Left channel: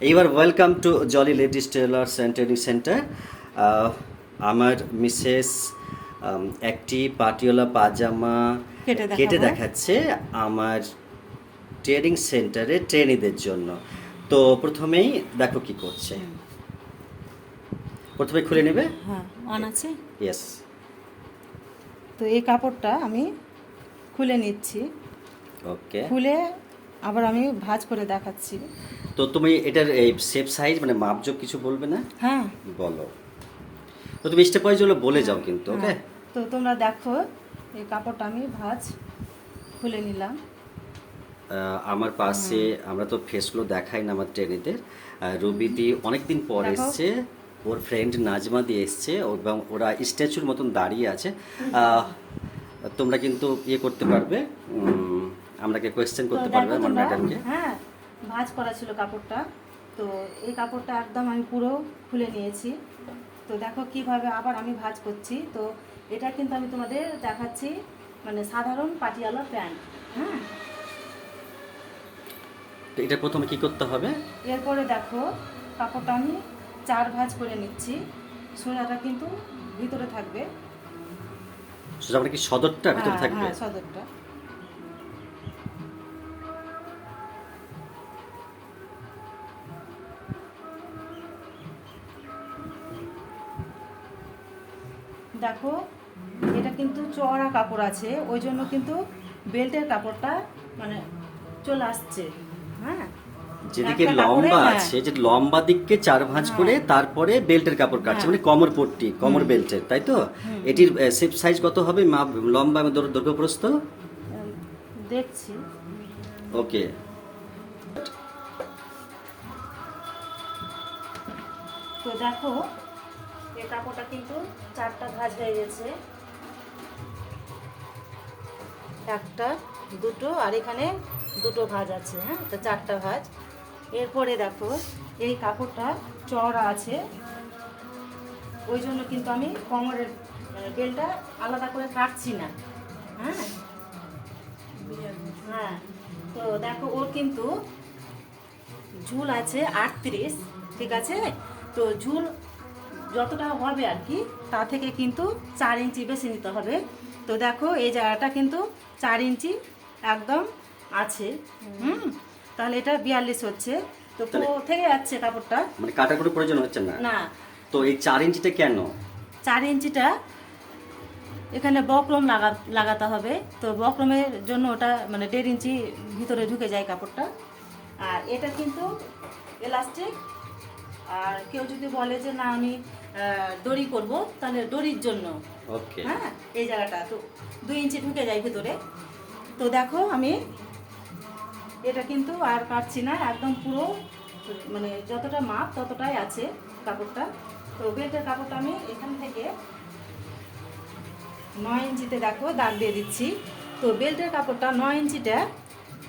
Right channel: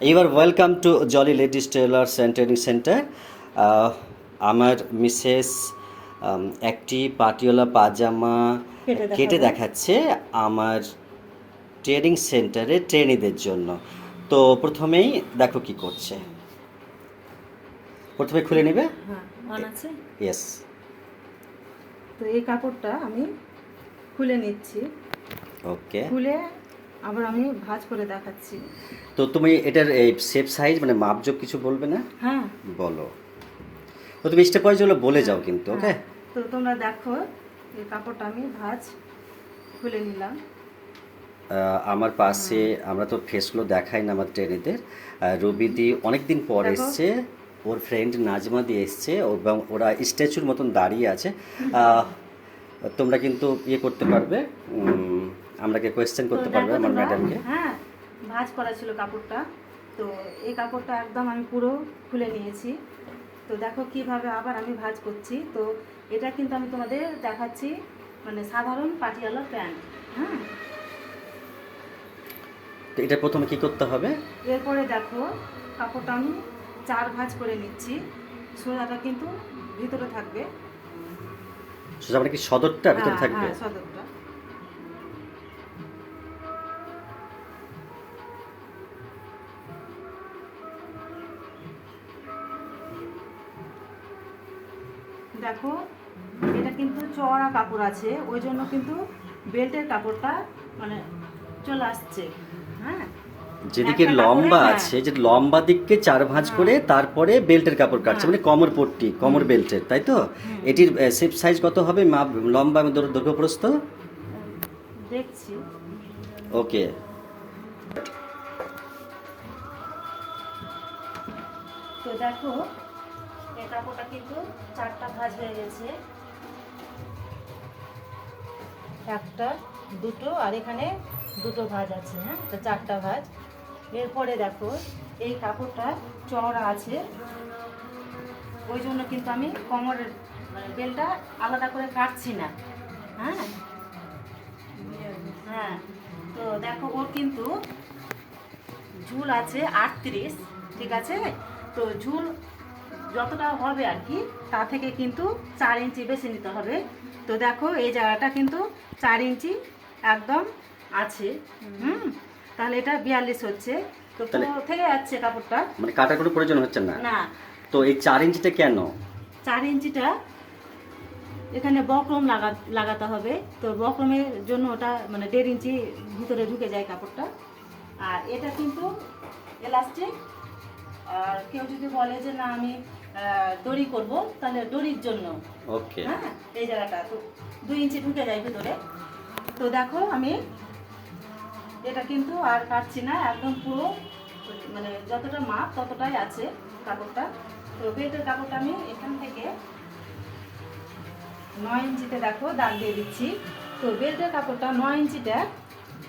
এবার welcome to jolly ladies tailors and training centre. আমার Mrs একটি পাটিওলা পাজামা কেটে দেখাচ্ছে আমার ট্রেনিং সেন্টারে ট্রেনিদের জন্য। তো প্রথমেই দেখো কি করছে। প্রথমে খুলে নেবে। হ্যাঁ, অন আছে। ইয়েস। তো এই কাপড়টা আমি খুলে নিচ্ছি, ওকে। খুলে আবার আমি ভাঁজ করে দেখাচ্ছি। তো তুমি এটার এই শেপ সাইজ মানে মাপজোক কিছু বলবে না? হ্যাঁ, বলো। তো তুমি স্টেপ ওয়াইজ হলো বলে যাও কিন্তু, ওকে? হ্যাঁ। তো তোমরা দেখো এই কাপড়টা আমি ভাঁজ খুলে নিলাম। আমার পাশে আমরা তো ফেসগুলো দেখাই না আমার ট্রেনেদের। রবিদি অনেকদিন পর এসছে, ওর ফ্রেন্ড নাজমা দিয়ে এসছে, এবং ওরা স্ট্যাচুর মতন দাঁড়িয়ে আছে। তোমরা কিন্তু ইয়ে করতে পারবে, আমরাকে কোয়েশ্চেন করতে পারবে আমার ম্যাডামকে। হ্যাঁ, ভাঁজ করা ছিল কাপড়টা। তো এই কাপড়টা একদম আমি পুরো খুলে নিয়েছি। তো দেখো কিভাবে আবার আমি ভাঁজ করছি। তো এটা কিন্তু আমি তোমাদের দেখাচ্ছি মানে সাধারণ পাটিয়ালা প্যান্ট। হ্যাঁ, তো এটা প্রথমে কি করতে হবে? এরপরে দেখো কাপড়টা আমি 4 ভাঁজ করে নিচ্ছি। সোনাটা কিন্তু ভিতরে থাকবে। সোজা মানে কি সদরটা ভিতরে থাকবে? হ্যাঁ, সদরটা। দেখো এটা কিন্তু চওড়া কাপড় আছে, ওই জন্য কিন্তু বেল্টের কাপড়টা মানে চলে আসছে। হ্যাঁ, যেদিকে একটা লম্বা কাপড়ে, আছে, যে লম্বা দিককে 4 ভাঁজ করে তারপরে বেল্টের কাপড় কাটছে, মানে কোমর পট্টি, কোমর বেল্টের, তাই তো? এটির শেপ সাইজ কত হবে, মাপ লম্বা এবং দৈর্ঘ্য প্রস্থ? দেখছি। ওকে। তো দেখো এই কাপড়টা কিন্তু 4টা ভাঁজ হয়ে গেছে, একটা, দুটো, আর এখানে দুটো ভাঁজ আছে। হ্যাঁ, তো 4টা ভাঁজ। এরপরে দেখো এই কাপড়টা চওড়া আছে, ওই জন্য কিন্তু আমি কোমরের মানে বেলটা আলাদা করে কাটছি না। হ্যাঁ, হ্যাঁ। তো দেখো ওর কিন্তু ঝুল আছে 38, ঠিক আছে? তো ঝুল যতটা হবে আর কি, তা থেকে কিন্তু 4 ইঞ্চি বেশি নিতে হবে। তো দেখো এই জায়গাটা কিন্তু 4 ইঞ্চি একদম আছে। তাহলে এটা 42 হচ্ছে। তো থেকে যাচ্ছে কাপড়টা, মানে কাটার কোনো প্রয়োজন হচ্ছে না। না। তো এই 4 ইঞ্চিটা কেন? 4 ইঞ্চিটা এখানে বক্রম লাগাতে হবে। তো বক্রমের জন্য ওটা মানে 1.5 ইঞ্চি ভিতরে ঢুকে যায় কাপড়টা। আর এটা কিন্তু এলাস্টিক। আর কেউ যদি বলে যে না আমি দড়ি করব, তাহলে দড়ির জন্য। ওকে। হ্যাঁ, এই জায়গাটা তো 2 ইঞ্চি ঢুকে যায় ভিতরে। তো দেখো আমি এটা কিন্তু আর কাটছি না, একদম পুরো মানে যতটা মাপ ততটাই আছে কাপড়টা। তো বেল্টের কাপড়টা আমি এখান থেকে 9 ইঞ্চিতে দেখো দাগ দিয়ে দিচ্ছি। তো বেল্টের কাপড়টা 9 ইঞ্চিটা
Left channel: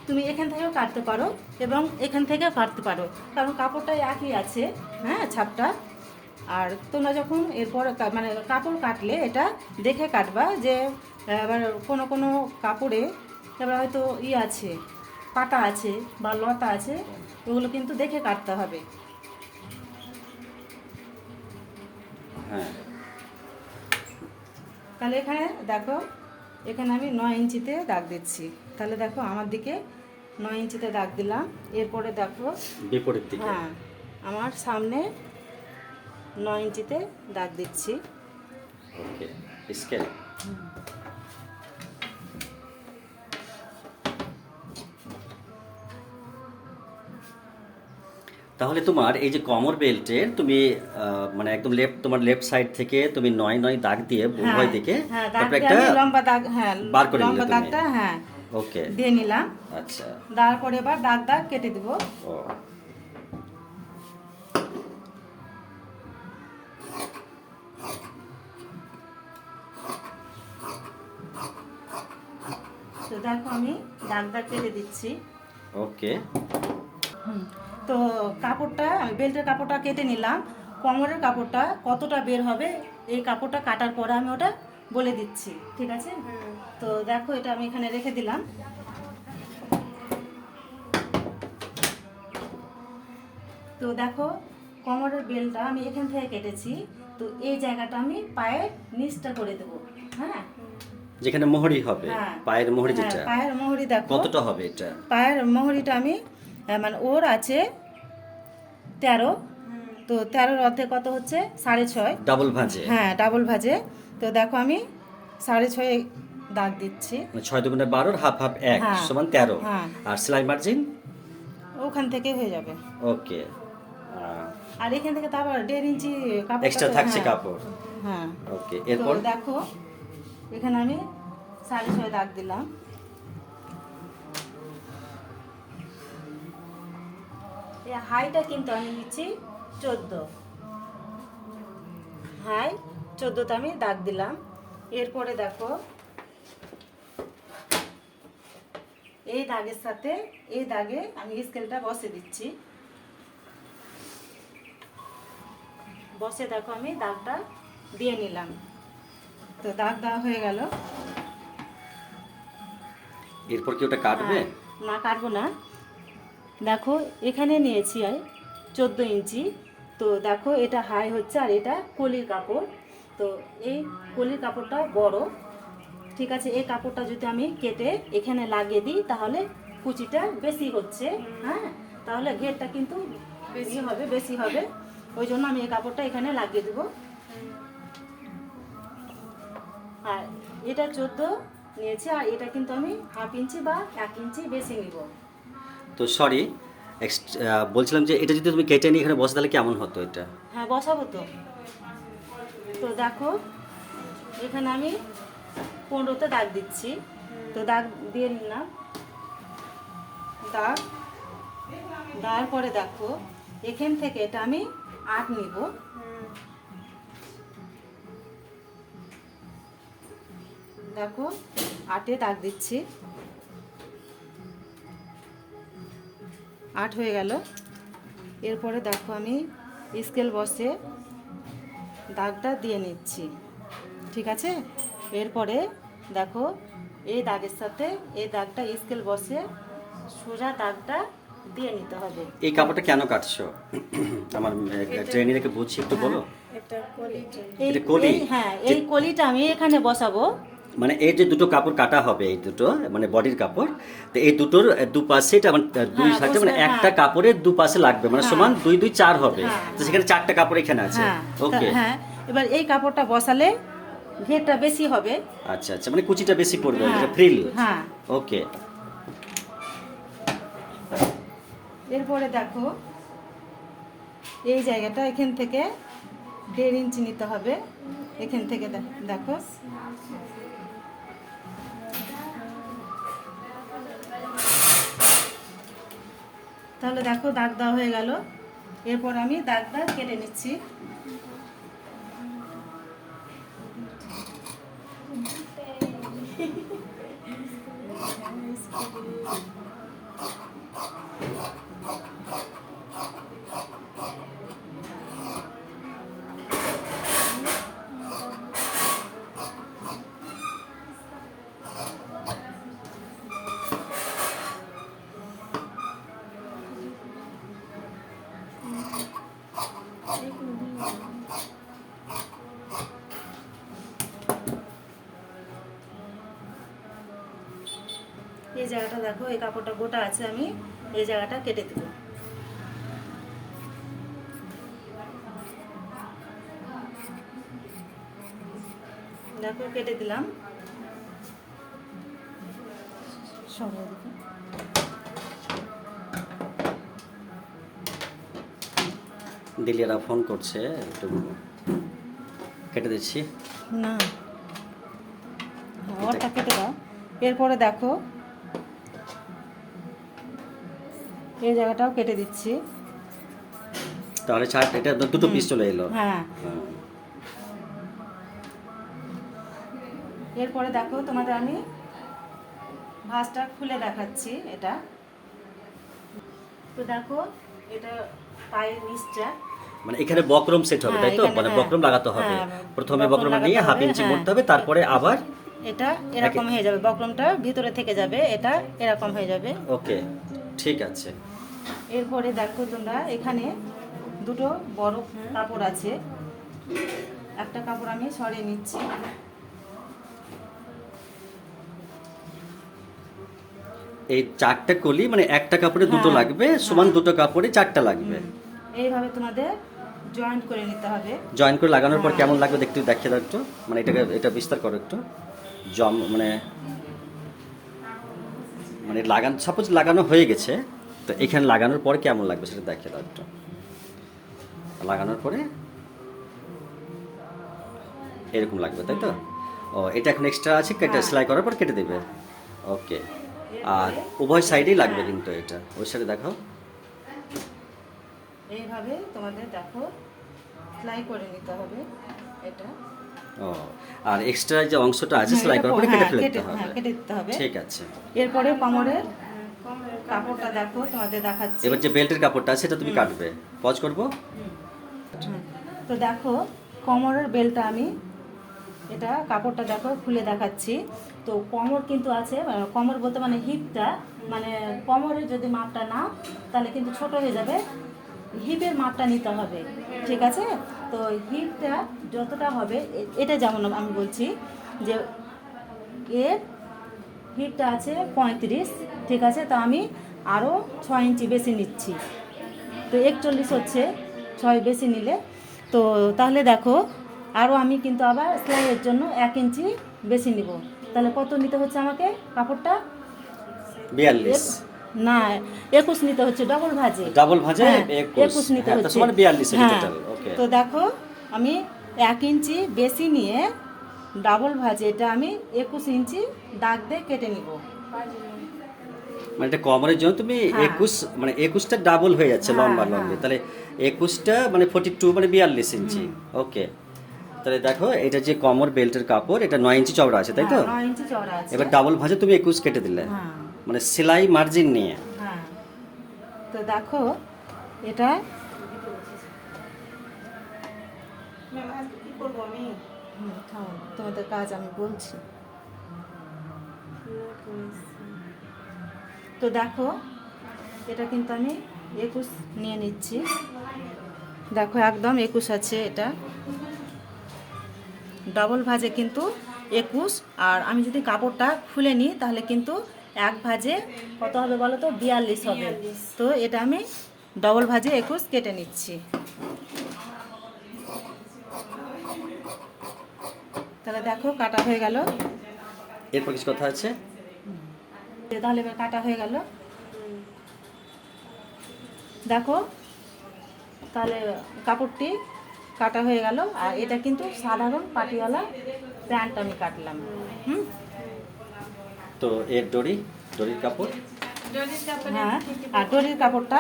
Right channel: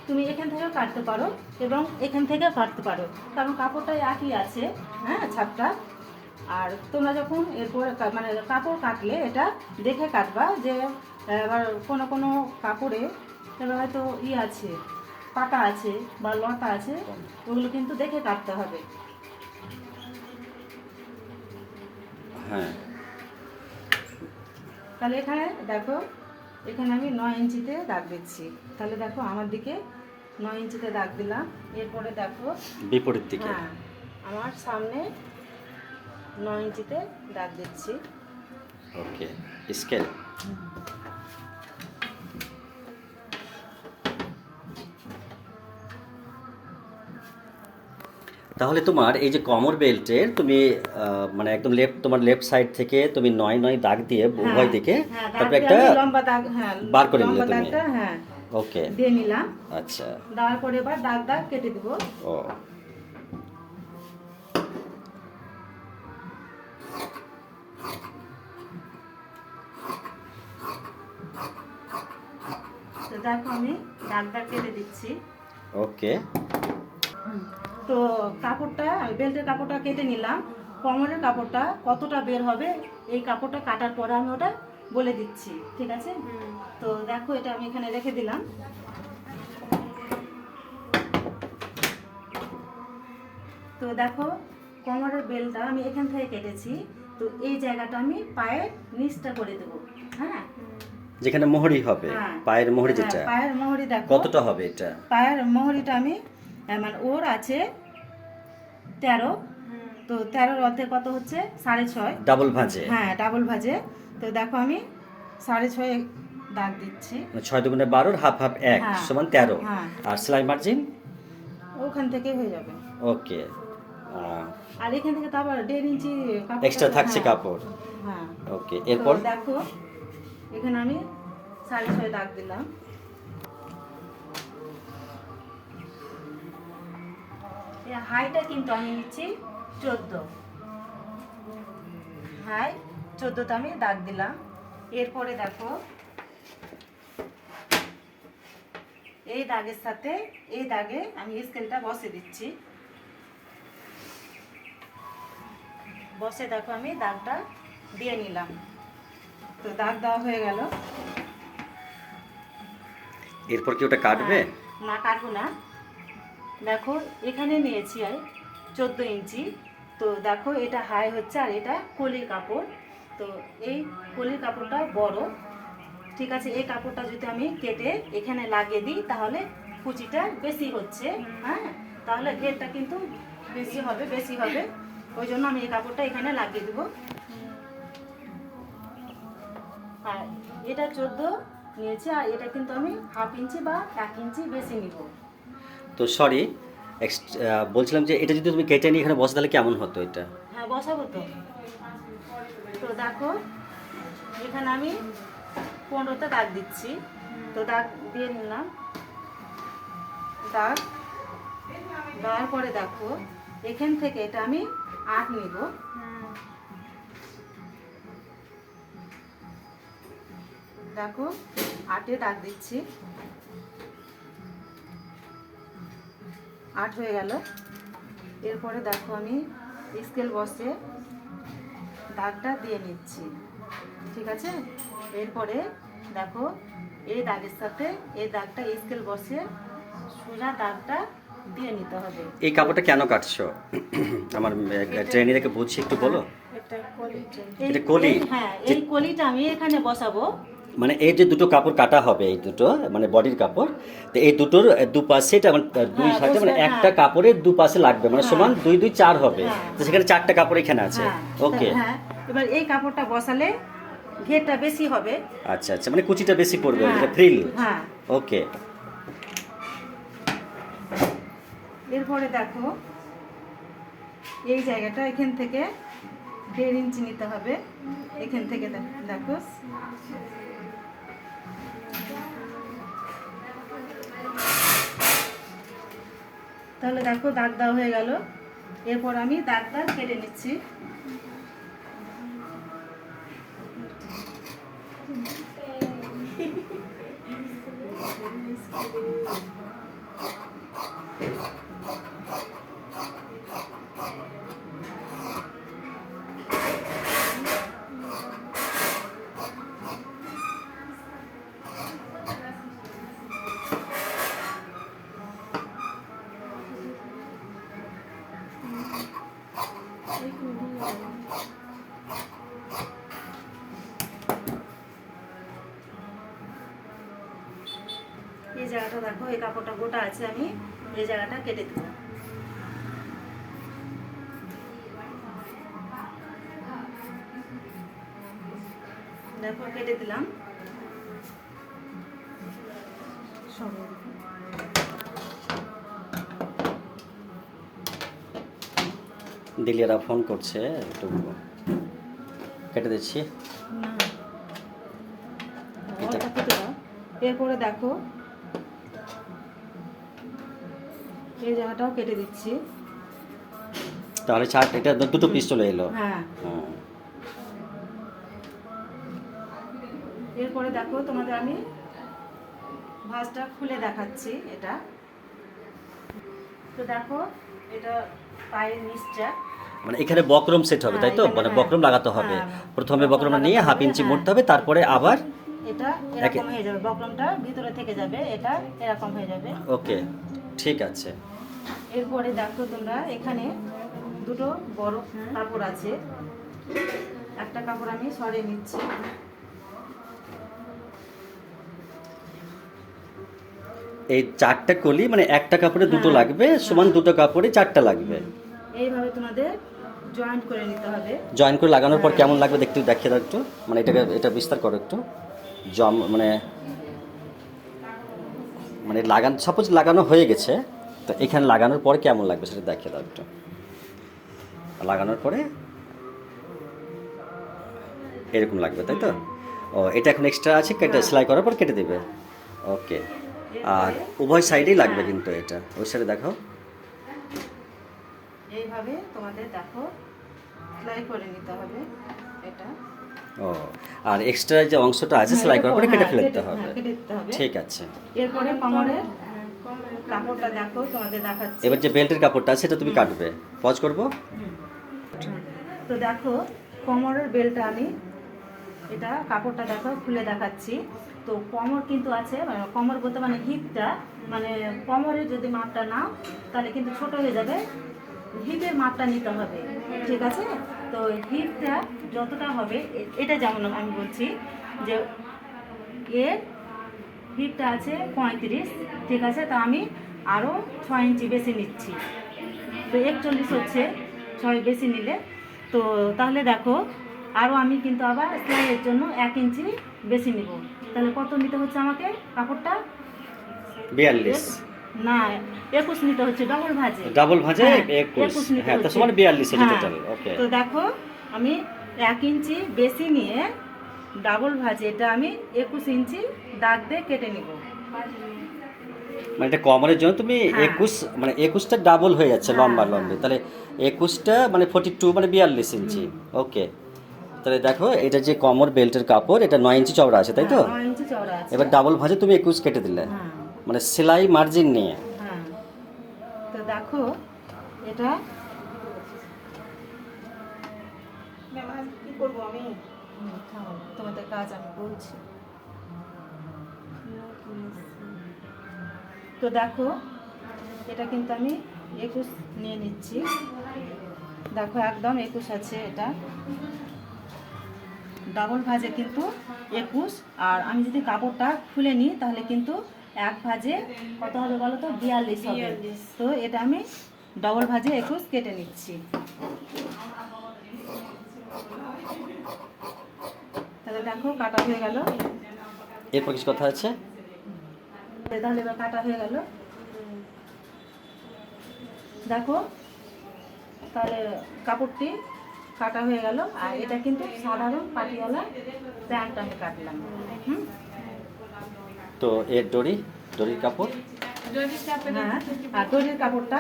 তুমি এখান থেকেও কাটতে পারো এবং এখান থেকেও কাটতে পারো, কারণ কাপড়টা একই আছে। হ্যাঁ, ছাপটা। আর তোমরা যখন এরপর মানে কাপড় কাটলে এটা দেখে কাটবা, যে আবার কোনো কোনো কাপড়ে তাহলে হয়তো আছে, কাটা আছে বা লতা আছে, ওগুলো কিন্তু দেখে কাটতে হবে। হ্যাঁ। তাহলে এখানে দেখো, এখানে আমি 9 ইঞ্চিতে দাগ দিচ্ছি। তাহলে দেখো আমার দিকে 9 ইঞ্চিতে দাগ দিলাম। এরপরে দেখো বিপরীত দিকে। হ্যাঁ, আমার সামনে 9 ইঞ্চিতে দাগ দিচ্ছি। ওকে। স্কেল। তাহলে তোমার এই যে কমর বেল্টের তুমি মানে একদম তোমার লেফট সাইড থেকে তুমি 9 দাগ দিয়ে উভয় দিকে হ্যাঁ, তারপর দাগ একটা দিয়ে আমি লম্বা দাগ, হ্যাঁ, বার করে নিলে লম্বা তুমি। দাগটা, হ্যাঁ, ওকে। দিয়ে নিলাম। আচ্ছা। তারপরে এবার দাগ কেটে দেবো। ও। তো দেখো আমি দাগটা কেটে দিচ্ছি। ওকে। তো কাপড়টা বেল্টের কাপড়টা কেটে নিলাম। কোমরের কাপড়টা কতটা বের হবে এই কাপড়টা কাটার পরে আমি ওটা বলে দিচ্ছি, ঠিক আছে? তো দেখো এটা আমি এখানে রেখে দিলাম। তো দেখো কোমরের বেলটা আমি এখান থেকে কেটেছি, তো এই জায়গাটা আমি পায়ের নিচটা করে দেবো। হ্যাঁ, যেখানে মোহরি হবে, হ্যাঁ। পায়ের মোহরি হ্যাঁ, যেটা, পায়ের মোহরি দেখো কতটা হবে এটা? পায়ের মোহরিটা আমি মানে ওর আছে 13, তো 13-র অর্ধেক কত হচ্ছে 6.5। ডাবল ভাঁজে, হ্যাঁ, ডাবল ভাজে। তো দেখো আমি 6.5 দাগ দিচ্ছি। মানে 6 দুগুণে 12, হাফ হাফ 1 হ্যাঁ। সমান 13। হ্যাঁ। আর সেলাই মার্জিন ওখান থেকে হয়ে যাবে। ওকে, আর এখান থেকে তো আবার 1.5 ইঞ্চি কাপড় এক্সট্রা থাকছে কাপড়। হ্যাঁ, ওকে, তো এরপর দেখো এখানে আমি 6.5 দাগ দিলাম। এই হাইটা কিন্তু আমি নিচ্ছি 14, হাই 14তে আমি দাগ দিলাম। এরপরে দেখো এই দাগের সাথে এই দাগে আমি স্কেলটা বসে দিচ্ছি। বসে দেখো আমি দাগটা দিয়ে নিলাম। তো দাগ দেওয়া হয়ে গেল। এরপর কি ওটা কাটবে? না, কাটবো না। দেখো এখানে নিয়েছি আর 14 ইঞ্চি। তো দেখো এটা হাই হচ্ছে আর এটা কলির কাপড়। তো এই কলির কাপড়টা বড়, ঠিক আছে। এই কাপড়টা যদি আমি কেটে এখানে লাগিয়ে দিই তাহলে কুচিটা বেশি হচ্ছে। হ্যাঁ, তাহলে ঘেরটা কিন্তু বেশি হবে। ওই জন্য আমি এই কাপড়টা এখানে লাগিয়ে দেবো। আর এটা 14 নিয়েছি আর এটা কিন্তু আমি হাফ ইঞ্চি বা 1 ইঞ্চি বেশি নিব। তো সরি, বলছিলাম যে এটা যদি তুমি কেটে নিয়ে এখানে বসে তাহলে কেমন হতো এটা? হ্যাঁ, বসাবো তো। তো দেখো এখানে আমি 15তে দাগ দিচ্ছি। তো দাগ দিয়ে নিলাম। দাগ দেওয়ার পরে দেখো এখান থেকে এটা আমি 8 নিব। দেখো 8-এ দাগ দিচ্ছি। 8 হয়ে গেল। এরপরে দেখো আমি স্কেল বসে দাগটা দিয়ে নিচ্ছি, ঠিক আছে। এরপরে দেখো এই দাগের সাথে এই দাগটা স্কেল বসে সোজা দাগটা দিয়ে নিতে হবে। এই কাপড়টা কেন কাটছো? আমার ট্রেনিংকে বুঝছি, একটু বলো। এটা কলি? হ্যাঁ, এই কলিটা আমি এখানে বসাবো। মানে এই যে দুটো কাপড় কাটা হবে, এই দুটো মানে বডির কাপড়, তো এই দুটোর দুপাশে এটা মানে দুই হ্যাঁ, সাইডে মানে বুঝলে, একটা হ্যাঁ। কাপড়ের দুপাশে লাগবে, মানে হ্যাঁ। সমান 2 2 4 হবে। হ্যাঁ। তো সেখানে 4টা কাপড় এখানে আছে। হ্যাঁ, ওকে, হ্যাঁ, এবার এই কাপড়টা বসালে ঘেরটা বেশি হবে। আচ্ছা আচ্ছা, মানে কুচিটা বেশি পড়বে, হ্যাঁ, এটা ফ্রিল। হ্যাঁ। ওকে, এরপরে দেখো এই জায়গাটা এখান থেকে 1.5 ইঞ্চি নিতে হবে। এখান থেকে দেখো তাহলে দেখো দাগ দেওয়া হয়ে গেল। এরপর আমি দাগটা কেটে নিচ্ছি। এই জায়গাটা দেখো এই কাপড়টা গোটা আছে, আমি এই জায়গাটা কেটে দেবো। দেখো কেটে দিলাম। দিলিয়ারা ফোন করছে, একটু কেটে দিচ্ছি। না, ওটা কেটে দাও। এরপরে দেখো এই জায়গাটাও কেটে দিচ্ছি। তাহলে এটা দুটো পিস চলে এলো। হ্যাঁ, হ্যাঁ। এরপরে দেখো তোমাদের আমি ভাঁজটা খুলে দেখাচ্ছি। এটা তো দেখো এটা পায়ের নিচটা, মানে এখানে বক্রম সেট হবে, তাই তো? এখানে, মানে হ্যাঁ। বক্রম লাগাতে হবে। হ্যাঁ, প্রথমে বক্রম বক্রমটা নিয়ে লাগাতে হাফ হবে, ইঞ্চি হ্যাঁ। মোড়তে হবে, তারপরে আবার এটা এরকম হয়ে যাবে, বক্রমটা ভিতরে থেকে যাবে, এটা এরকম হয়ে যাবে। ওকে, ঠিক আছে। এরপরে দেখো তোমরা এখানে দুটো বড় কাপড় আছে, একটা কাপড় আমি সরিয়ে নিচ্ছি। এই 4টা কলি মানে একটা কাপড়ে দুটো হ্যাঁ, লাগবে, সমান দুটো কাপড়ে 4টা লাগবে। এইভাবে তোমাদের জয়েন্ট করে নিতে হবে। জয়েন করে লাগানোর পর কেমন লাগবে দেখতে দেখিয়ে দাও একটু, মানে এটা বিস্তার করো একটু। মানে মানে সাপোজ লাগানো হয়ে গেছে, তো এখানে লাগানোর পরে কেমন লাগবে সেটা দেখিয়ে দাও একটু। লাগানোর পরে এরকম লাগবে, তাই তো? ও, এটা এখন এক্সট্রা আছে, কেটে সেলাই করার পর কেটে দেবে। ওকে। আর উভয় সাইডেই লাগবে কিন্তু এটা, ওই সাইডে দেখো। এইভাবে তোমাদের দেখো সেলাই করে নিতে হবে এটা। ও, আর এক্সট্রা যে অংশটা আছে সেলাই করার পরে কেটে ফেলে দিতে হবে। কেটে দিতে হবে। ঠিক আছে। এরপরে কোমরের কাপড়টা দেখো তোমাদের দেখাচ্ছি। এবার যে বেল্টের কাপড়টা আছে সেটা তুমি কাটবে। পজ করব। তো দেখো কোমরের বেল্টটা আমি এটা কাপড়টা দেখো খুলে দেখাচ্ছি। তো কোমর কিন্তু আছে, মানে কোমর বলতে মানে হিপটা, মানে কোমরের যদি মাপটা নাও তাহলে কিন্তু ছোট হয়ে যাবে, হিপের মাপটা নিতে হবে, ঠিক আছে? তো হিপটা যতটা হবে এটা যেমন আমি বলছি যে এর হিপটা আছে 35, ঠিক আছে? তো আমি আরও 6 ইঞ্চি বেশি নিচ্ছি, তো 41 হচ্ছে 6 বেশি নিলে। তো তাহলে দেখো আরও আমি কিন্তু আবার সেলাইয়ের জন্য 1 ইঞ্চি বেশি নিব, তাহলে কত নিতে হচ্ছে আমাকে কাপড়টা? 42। না, 21 নিতে হচ্ছে, ডবল ভাঁজে। ডাবল ভাঁজে হ্যাঁ, 21। নিতে হ্যাঁ, তো হচ্ছে। সমান 42 এর হ্যাঁ, টোটাল। ওকে। তো দেখো আমি 1 ইঞ্চি বেশি নিয়ে ডাবল ভাঁজে এটা আমি 21 ইঞ্চি দাগ দিয়ে কেটে নিব। মানে এটা কমরের জন্য তুমি হ্যাঁ। 21, মানে 21টা ডাবল হয়ে যাচ্ছে হ্যাঁ, লম্বা হ্যাঁ। লম্বি, তাহলে 21টা মানে 42 মানে 42 ইঞ্চি। ওকে। তাহলে দেখো এটা যে কমর বেল্টের কাপড়, এটা 9 ইঞ্চি চওড়া আছে, তাই তো? 9 ইঞ্চি চওড়া আছে। এবার ডাবল ভাঁজে তুমি 21 কেটে দিলে, হ্যাঁ, মানে সেলাই মার্জিন নিয়ে। হ্যাঁ। তো দেখো এটা কি করবো আমি, থামো, তোমাদের কাজ আমি বলছি। তো দেখো এটা কিন্তু আমি 21 নিয়ে নিচ্ছি, দেখো একদম 21 আছে এটা, ডাবল ভাঁজে কিন্তু 21। আর আমি যদি কাপড়টা খুলে নিই তাহলে কিন্তু এক ভাঁজে কত হবে বলো তো? 42 হবে। তো এটা আমি ডবল ভাঁজে 21 কেটে নিচ্ছি। তাহলে দেখো কাটা হয়ে গেল। এরপর কিছু কথা আছে? তাহলে এবার কাটা হয়ে গেল, দেখো তাহলে কাপড়টি কাটা হয়ে গেল। আর এটা কিন্তু সাধারণ পাটিওয়ালা প্যান্ট আমি কাটলাম। তো এর দড়ির কাপড়। হ্যাঁ, আর দড়ির কাপড়টা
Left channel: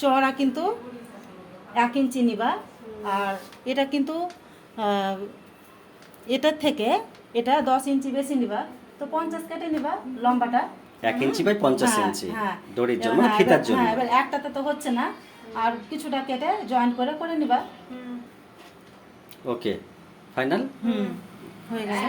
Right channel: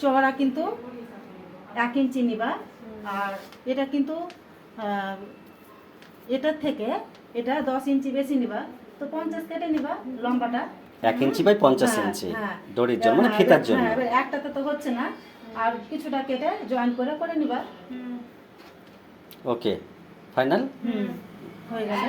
চওড়া কিন্তু 1 ইঞ্চি নিবা। আর এটা কিন্তু এটার থেকে এটা 10 ইঞ্চি বেশি নিবা, তো 50 কেটে নিবা লম্বাটা। 1 ইঞ্চি বাই 50 হ্যাঁ, ইঞ্চি হ্যাঁ। দড়ির জন্য, মানে হ্যাঁ, ফিতার জন্য। হ্যাঁ, এবার একটাতে তো হচ্ছে না, আর কিছুটা কেটে জয়েন করে নিবা। ওকে, ফাইনাল হয়ে গেছে।